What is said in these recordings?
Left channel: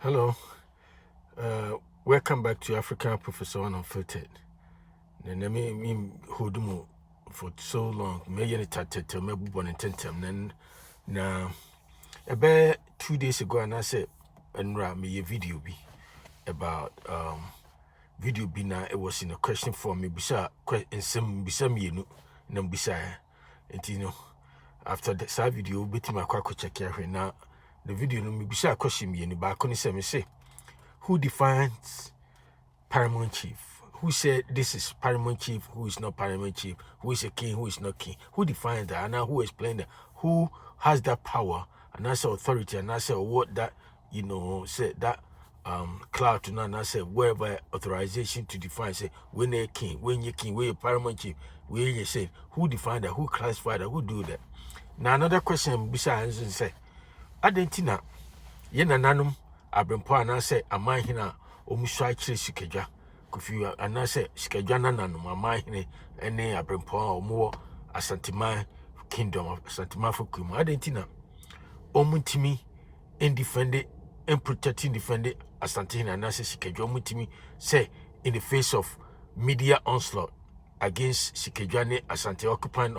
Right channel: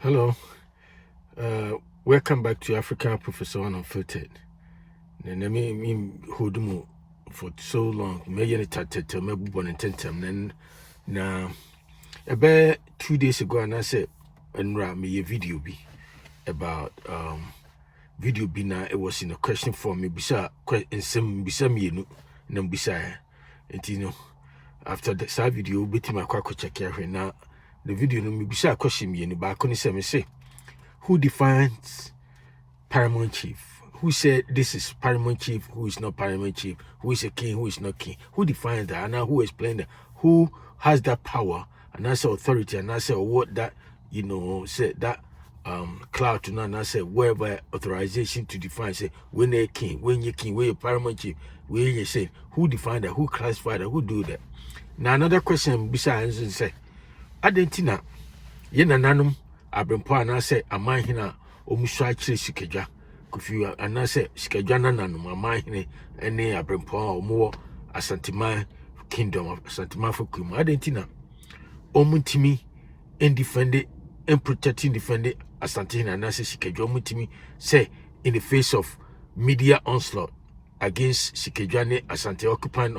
Hello, welcome back to African Professor One Unfiltered. Me hold mu for so long. Me yen tatetel me bubo ne tentem na about 2 days ago and I said enra me a video be about video be na it was in a question form me bisa bisa me na bisa after the video beti ma kwa check here na the video no me bisa question me ba ko ni say who defines paramount chief? Who said this is paramount chief? Who is not paramount chief? Who is a king? Who is not king? Who defines that? And now who explains that? Who has that power? And that's authority. And I said what that said that cloud to now. And I said wherever authorization to define. Say when they're king, when you're king, when you're paramount chief, when you say who define that? Who classify that? Who do that? Now another question besides say, Adentina, yena nanum. Abempo anase amanhene omusu akire sikadwa kofi anase sikadwa nananum amanhene ene abempo omo asanteman kingdom asanteman fokum adentina omutimi in protecting defend asantehene anase sikadwa omutimi say in the face of media onslaught against sikadwa ne asante occupant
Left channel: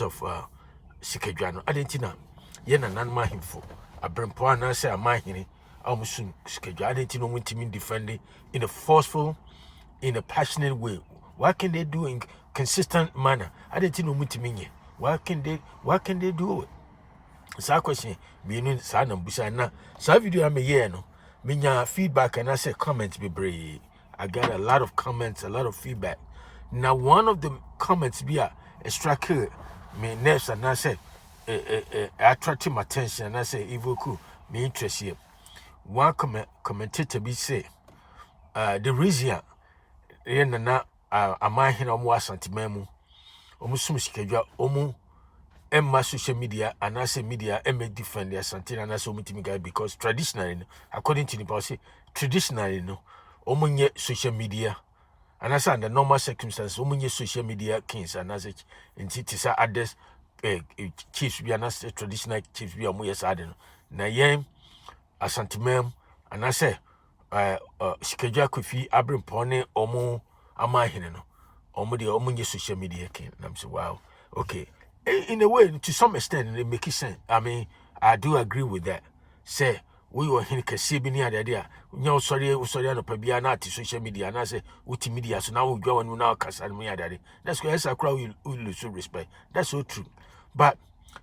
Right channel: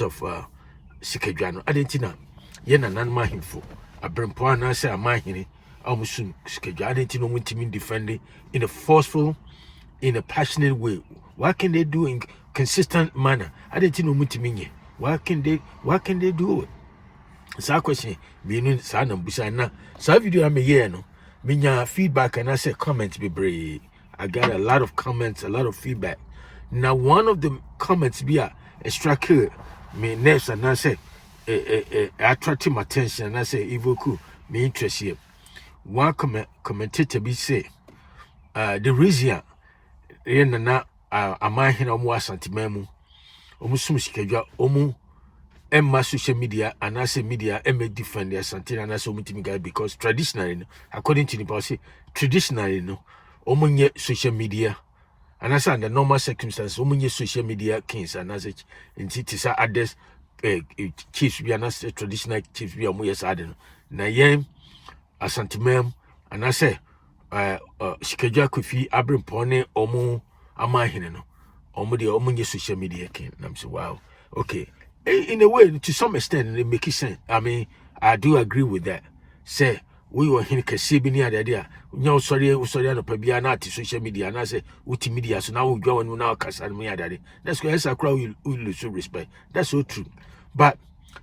of sikadwa no adentina ye nananum ahimfo Abrimpo anase amahene amusun schedule identity no mutimi defending in a forceful, in a passionate way. What can they do in consistent manner? Identity no mutimi. What can they do it? So question meaning sana busa na so video am here no minya feedback and I say comments be brave. I got a lot of comments, a lot of feedback. Now one of the comments be a struck me nerves and I say attracting my attention and I say evoke me interest here. One commentator be say the reason na amahene omo asantememu omo sum sikadwa omo emma social media and I say media defend the asante and I say omo guy because traditionally according to the policy traditionally no omo nye social media and I say under normal circumstances omo nye social media kings and I say it is others chiefs be an traditional chiefs be amu yes ade no na yen asantemem and I say sikadwa kofi abrempo ne omo amahene no omo de omo nye social media king and I'm say wow okay in a way to some extent it makes sense. I mean I do agree with that. Say we were here kase bi ni ade a nya usori no pa bia na ati social media na say uti media so now we go on now kasa no ade that's why I crowd we lose respect. That's so true. But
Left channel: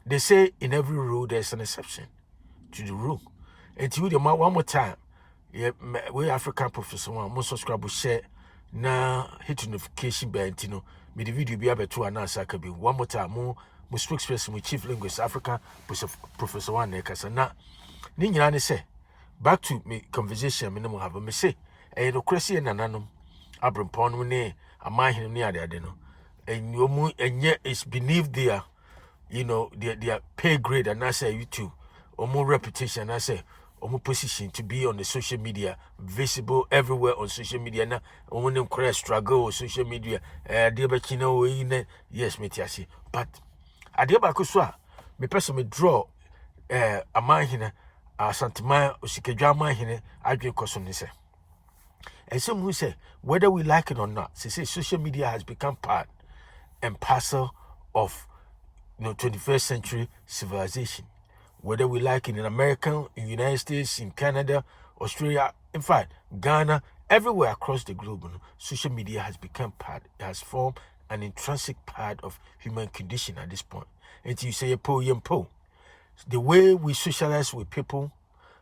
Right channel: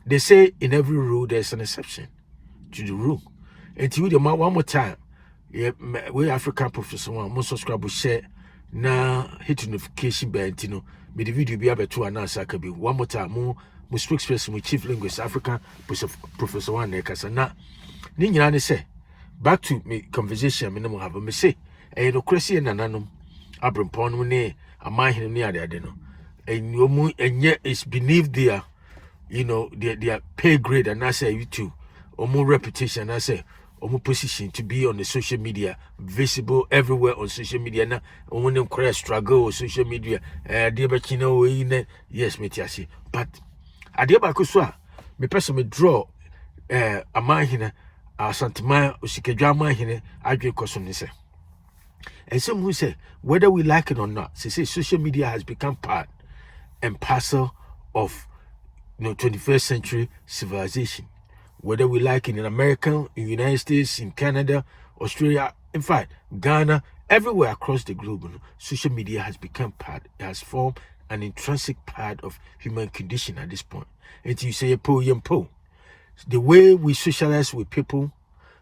they say in every rule there's an exception to the rule. And to you one more time, we African Professor One more subscribe share na hit notification bell me the video be able to announce akabi one more time mo spokesperson with chief linguist African Professor One nekasa na ni nyina ne say back to me conversation me no have me say no crazy nananom abrempon no ne amahene ne ade no enyomu enye is beneath their their pay grade and I say YouTube or more reputation I say or more position to be on the social media visible everywhere on social media na when them correct struggle on social media yes metiasi but adia ba ko so a me person me draw amahene asantema osikadwa amahene adwe koso ne say and some who say whether we like it or not say social media has become part and parcel of 21st century civilization, whether we like it in America, in United States, in Canada, Australia, in fact, Ghana, everywhere across the globe, social media has become part, it has formed an intrinsic part of human condition at this point. And you say, the way we socialize with people,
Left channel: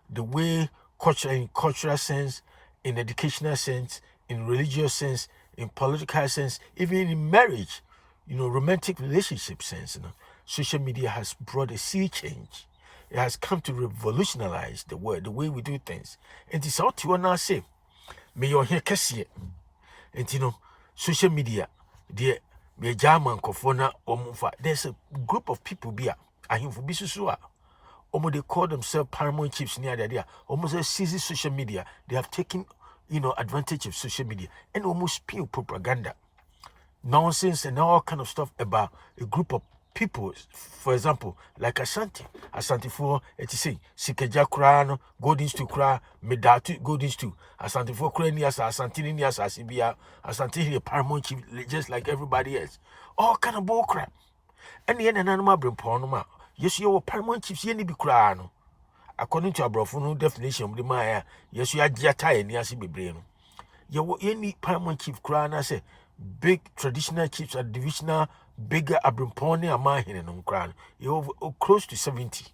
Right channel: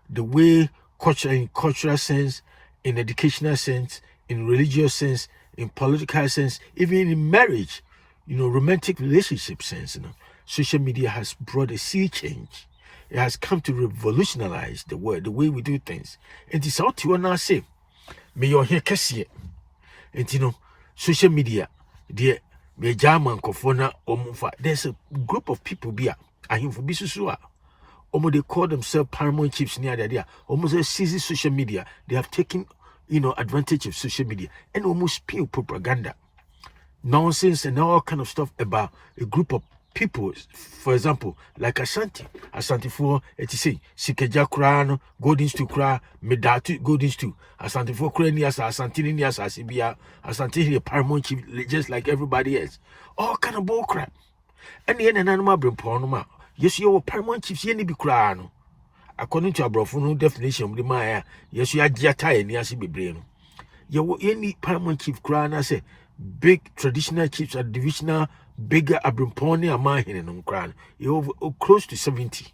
the way in cultural sense, in educational sense, in religious sense, in political sense, even in marriage, romantic relationship sense, social media has brought a sea change. It has come to revolutionize the world, the way we do things. And it's out to now say, may your hair kesiye. And social media, dear, me German kofona omufa. There's a group of people here. Ahimfo bisusua. They call themselves paramount chiefs near the idea. Almost seize social media. They have taken, advantage of social media and almost spew propaganda, nonsense, and all kind of stuff about a group of people, for example, like Asante for it is say Sikeja Krano, Golden Stu Kra, Medatu, Golden Stu, Asante for Kranias, Asantini Nias, Asibia, Asantini Paramount Chief, just like everybody else. All kind of bull crap. And the end animal bring pornoma. Yes, you are Paramount Chiefs, Yenny be crano. According to a brofuno definition of the Maya, yes, you are Giata and Yasi Bibrino. You were any Paramount Chief Krana say big traditional chiefs are divisional. Bigger abrimpone amahene no nkran you close to 70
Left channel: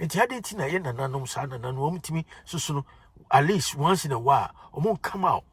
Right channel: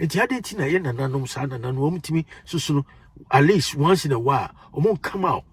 enti adenti na ye nananom sa nananom omtimi susu at least once in a while omo come out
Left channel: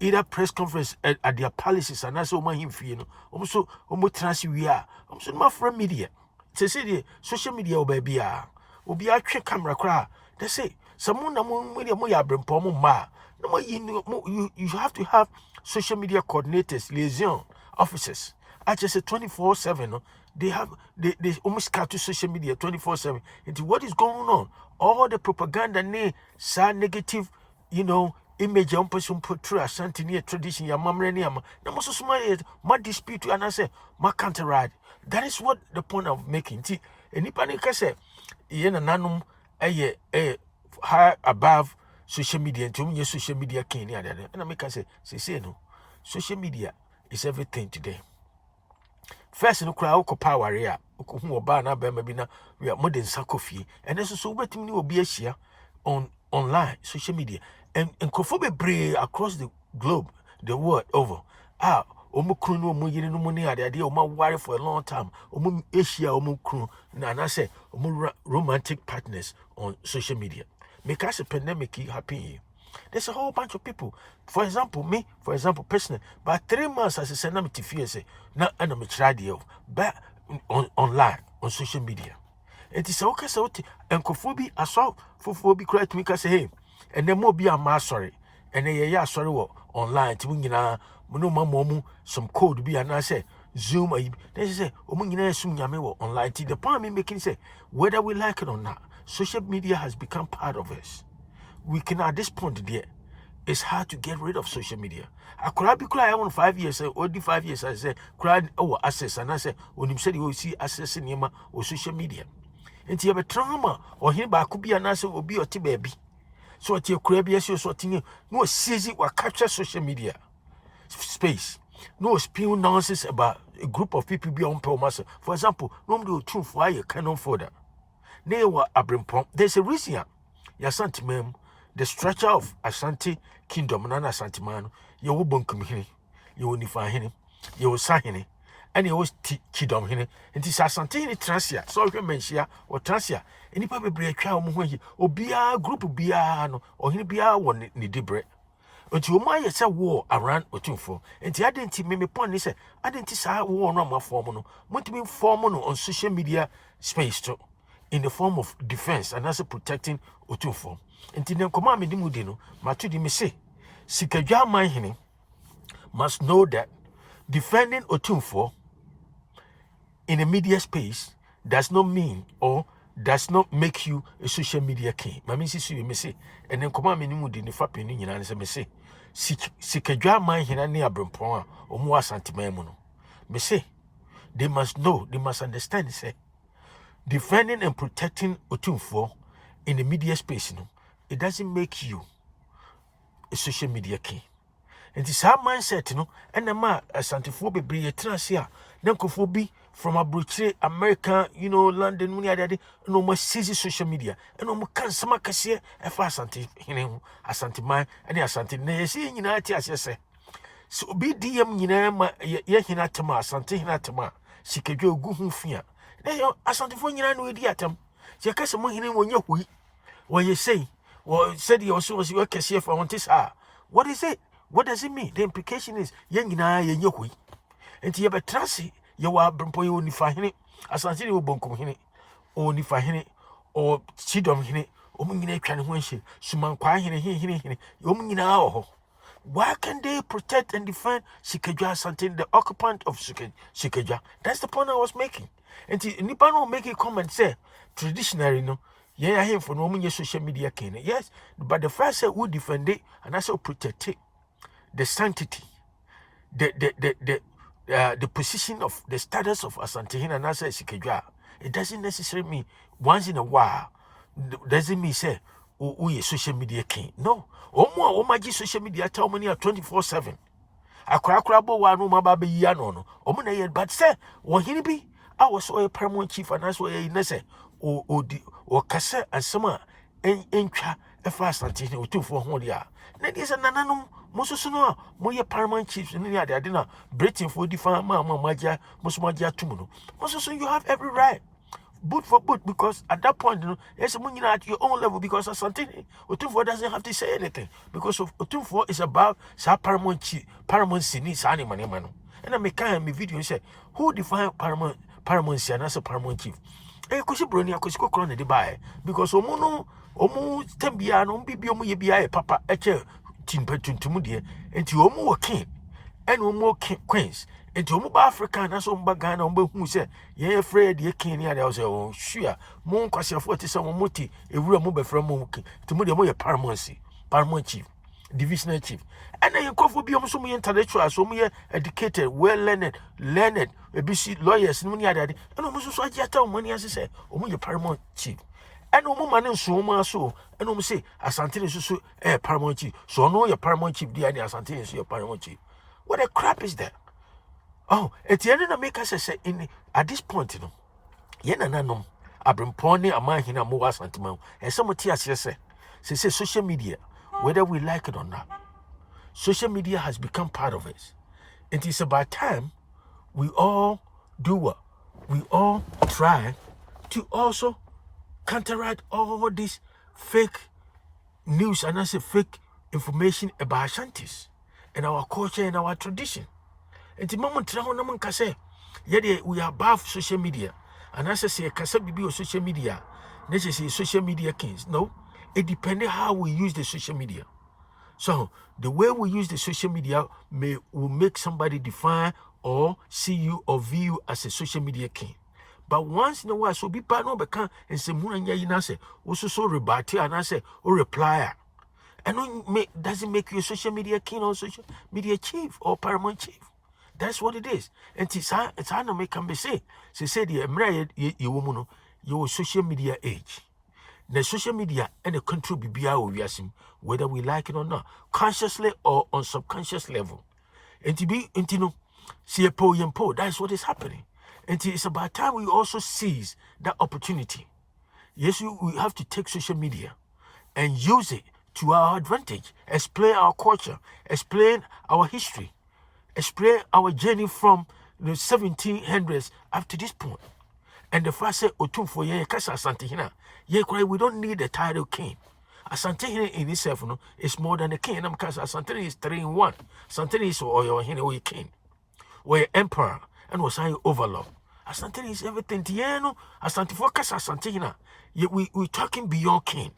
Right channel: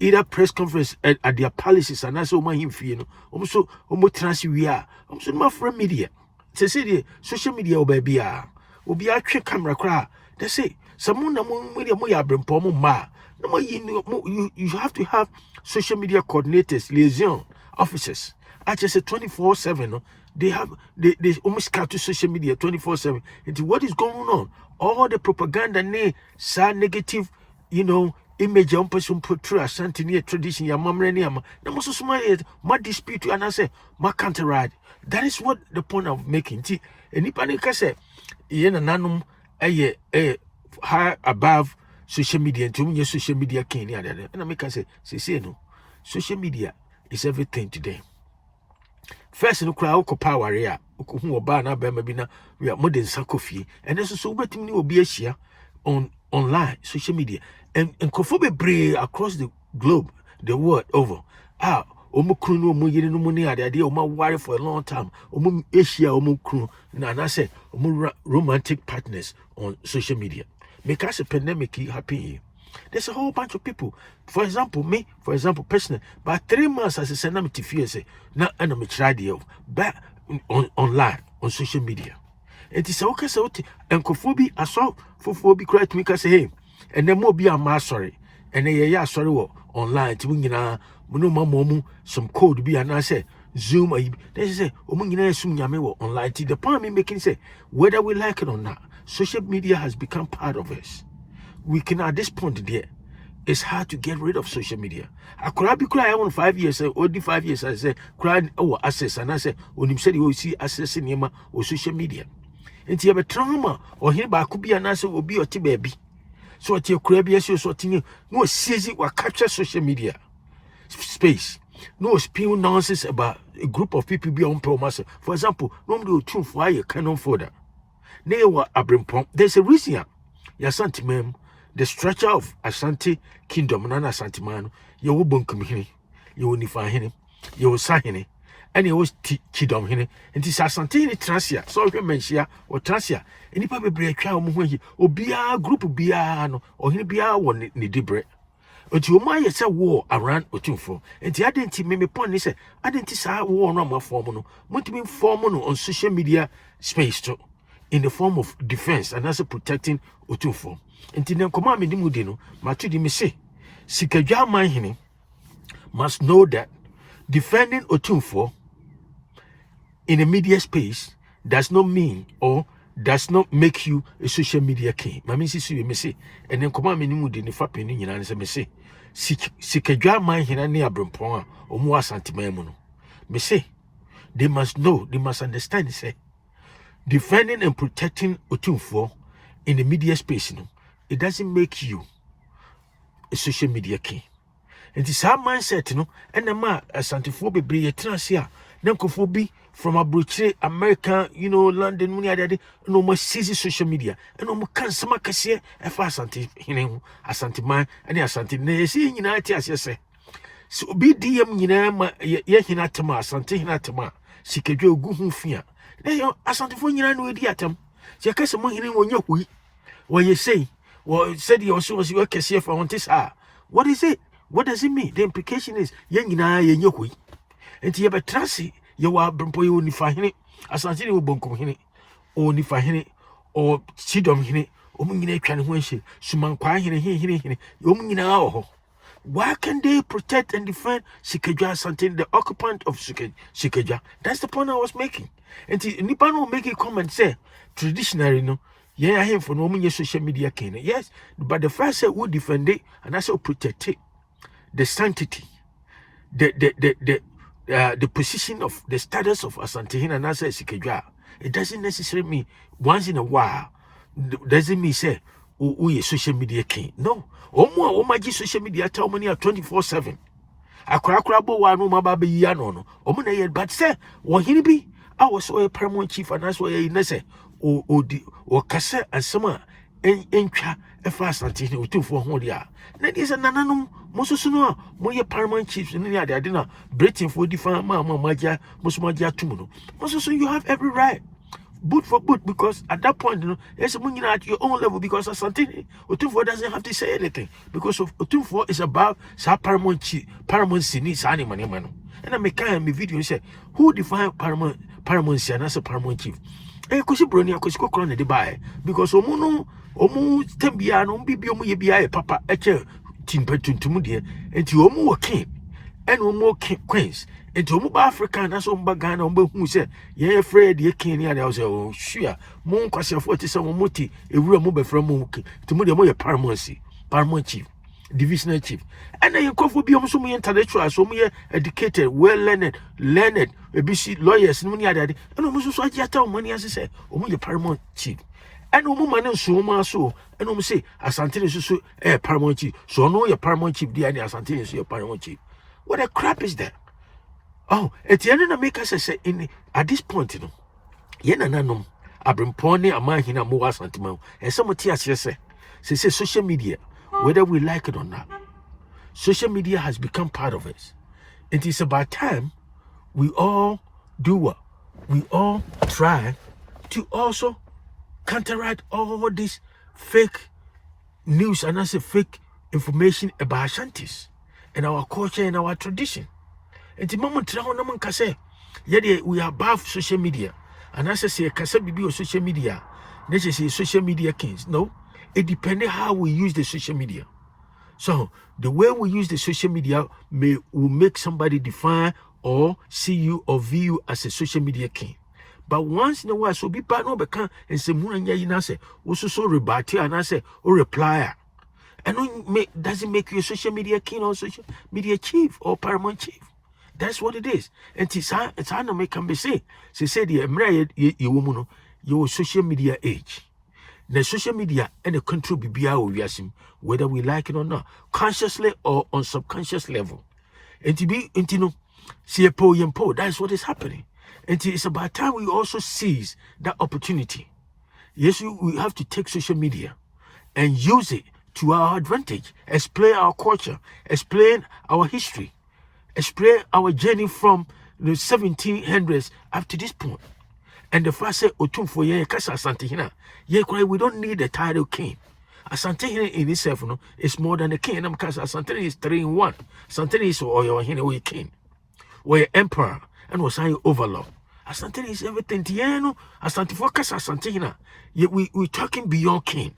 either press conference at their palaces and also omo himfie no omo transi wi a omo so ma from media say the social media obabi a obi atwe camera kra they say someone na mo media mo ya abrimpone ma no you have to have social media coordinators, liaison officers. I just say 24/7. No? They almost cut to social media 24/7. Into what is going on? All the propaganda, negative, image on person portray Ashanti near tradition. Ya mamre ni ama. Na mo so my dispute and I say my counter ride. That is what the point of making. See, anybody can say, yena nanum high above social media and to social media can and I make say no. Social media is everything today. First, no crowd power area, who oba na be maybe na we are modern sakofi, and this is so waiting will be a share on online social media and conform brave across the globe, the world over. Omukru no mu yiri no mu ni ade omo worry for a long time. Omo Asia omukru na na say omo romantic partners on social media. Make us a pandemic happen. There's a whole bunch of people. For example, me, personally, by 3 months as a send to fear say, now I'm radio back online on social media. It is okay, so and Kofobi, I saw Fofobi cry to me, say, hey, and then more be a sorry, and then sorry, online to win momu some code be and I say, Zoom, they say, online. The point me making say, whether we like it or not, social media has become part of us. We can at this point there, it's hard to get rid of social media. I could be crying 5 years, only 5 years. I say, crying access, and I say, when you said you will see access in Yama or social media. And you have a trauma or here by could be an answer will be your baby. So at your crab, yes, you're sorting no season or capture social media space. No spewing nonsense about a group of people beyond Pelmassa. For example, normally two for a canon folder. They were Abrimpom. There's a reason. Yasanti mem. The structure of Ashanti Kingdom, Nana Ashanti man, you will bunkum hini, you will nifa hini, you will sahini, and you will kidom hini, and this Ashanti transia, so you mention or transia, and you probably break out muhi, or be a group of biano, or he be a one ni debre. Until my yes a war around Otumfuo, and the identity made me point is I didn't say war on my formal, want to be formal on social media space too, in the form of defense and also protecting Otumfuo. And then come on, Midimudino, Matudi me say, SIKADWA AMANHENE must know that defending Otumfuo in a media space does not mean or does not make you a social media king. Mammy says you may say, and then come on, Midimudino, Fapping in answer me say, SIKADWA AMANHENE near Brumpoa or more Santimemono. Me say, they must know, they must understand, say, defending and protecting Otumfuo in the media space, it doesn't make you a social media king. And it's our mindset, and the man Asantefo be a transia, Nankofobi from Abuche, America, London, no more season social media, and no more cancer, Macassia, and fast Asante man, and Asante, Nesi, United, as you say. So be DM, Yahinatama, Asante Hinatama, SIKADWA Gufia. Asantefo, no idiatum. Yakasa Mohini when you what you say. Well, said you also was your case here for this. What is it? What does it mean? The implication is young in I and your and you have a trassi, you are Brumpo only fahini, as until you bonkum hini, only fahini, or chidom hini, omingine can winshi, suman quahini, yomina. Why can they protect and defend SIKADWA something the occupant of SIKADWA? That's the point I was making. And Nippon will make a comment say, traditionally, yeah, I hear for no social media can. Yes, but the first say we defend it and also protect it. The sanctity, the the position of the status of Asantehene and Nasa SIKADWA, it doesn't necessarily mean once in a while, doesn't mean say, we social media king. No. Omo omaji social media tell money 24/7. Akra bo wa no maba be ya no. Omo na ye but say, wo hini bi I was a paramount chief and that's why you say o kase asema entwa efa Asantehene Otumfuo ho dia. Na dis nananum mosusu no moye paramount chiefs ni ade na Britain for define maja musumaja tumuno. Mosusu you have every right. Boot for boot, because at that point, you know, there's someone at your own level because Asantehene Otumfuo doesn't have to say anything because of Otumfuo is about paramount sini sani mano. And I make a video say who define paramount and as a paramount chief. Eh, kusi broni akusi ko krona de bae because omu tembia no bibi omu ye bia papa eche tinpetuntum de enti omu wo king and omu queens. Enti omu ba Africa na so mba Ghana omu hu se ye afraid ye king ni ade o say oh sure mo nkwasiafo ti se mo moti ewura mo befra mo ti mo de mo ye paramount chief, divisional chief. And then you go for be almost so intellectual, so me educated, well learned, ABC lawyers, no money and almost so I tell money as I say, oh my paramount chief. And no man so much so, and almost say Asantehene is so paramount chief. So no your paramount chief, dear Asantehene is your paramount chief. What a crap is that? Oh, at the end of make us say in at this point, you know, Yena nanom, Abrempone, Amahene, Moa Santimau, and some tears say social media, whether we like it or not. Social media has become part of us. It is about time we all do what? We all try to also counteract all this fake news and also fake information about Ashantis and our culture and our tradition. And the moment we are above social media. And as I say, bibi or social media, let's say social media kings. No, it depends how we use the social media. So the way we use the social media will make somebody define or see you or view you as a social media king. But once in a while, so be bad no become and say Munanya Yinase, also so rebate and I say or reply. And doesn't make you a social media king or social media chief or paramount chief. That's what it is. And it's how no make can be say. She said you woman, your social media age. The social media and the control BBI whether we like it or not, consciously or on subconscious level. And to be see a poem, that's what is happening. And it's about time we also seize that opportunity. Yes, we have to take social media and use it to our advantage, explain our culture, explain our history, explain our journey from the 1700s up to this point. And the first say Otumfuo ye kasa Asantehene. We don't need the title king. Asantehene in itself is more than a king. And because Asantehene is 3 in 1. Asantehene is or king, or emperor, and was I overlord. Asantehene is everything. Tieno, Asantefo kasa Asantehene. Yet we're talking beyond king.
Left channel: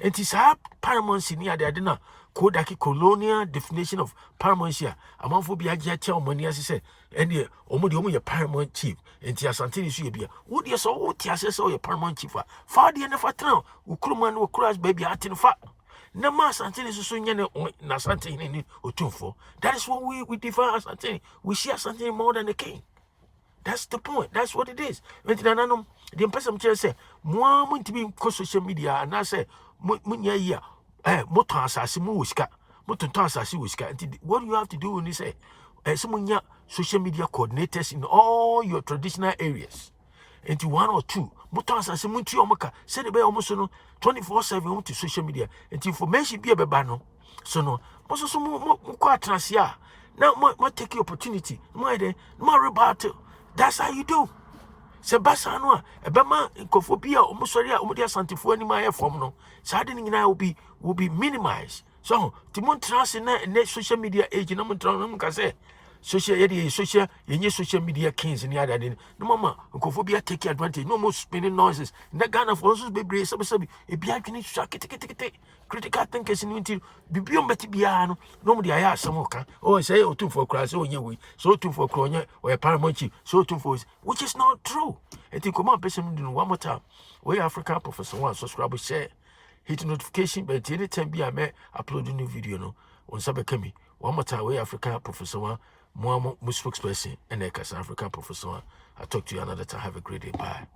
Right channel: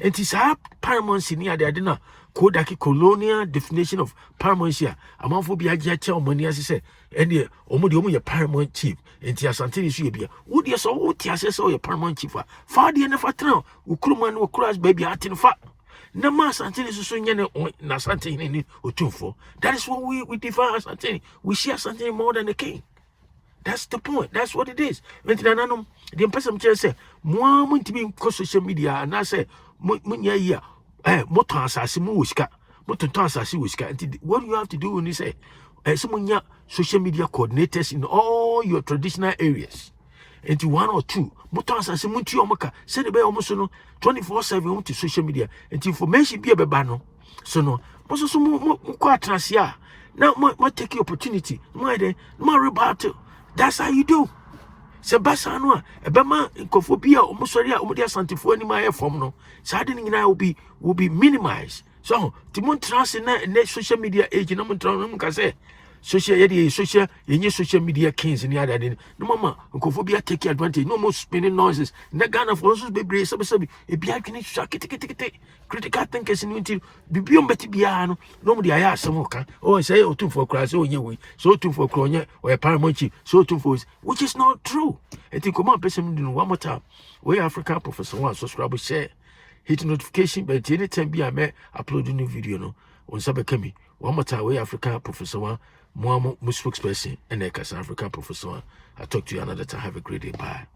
And it's our paramountcy near the Adina. Kodaki colonial definition of paramountcy. Among for be a jacha money as he said, and the omo paramount chief. And Asantehene is you. Would you so what you your paramount chief? Far the end of a town, Ukruman will crash baby at in fact. Nama Asantehene is so young Asantehene Otumfuo. That is what we define Asantehene. We see Asantehene more than a king. That's the point. That's what it is. The person say, more to be in social media, and I say, what you have to do when you say, some social media coordinators in all your traditional areas, into 1 or 2, send the almost 24/7 to social media, and information be a bebano. So no, now take your opportunity, more rebuttal. That's how you do. Sebasano, Ebema, Kophobia, Omosoria, Omodia Santifo, any my form no. Saddening now will be minimized. So, Timon Trans in social media age, no one say social media kings in the other day. No mama, Kophobia take advantage, no more spinning noises. The Ghana for us be a biakin critical thinkers in until be beyond Betty Biano. Nobody I ask some oh, say Otumfuo class, oh, yeah, so Otumfuo Cronia or a paramount chief, so Otumfuo, which is not true. And think come on, person one more time. We African Professor One, subscribe, share, hit notification, but anytime be I may upload a new video no on Sabakemi. One more time, we African Professor One. Mo spokesperson and South African professor. I'll talk to you another time. Have a great day. Bye.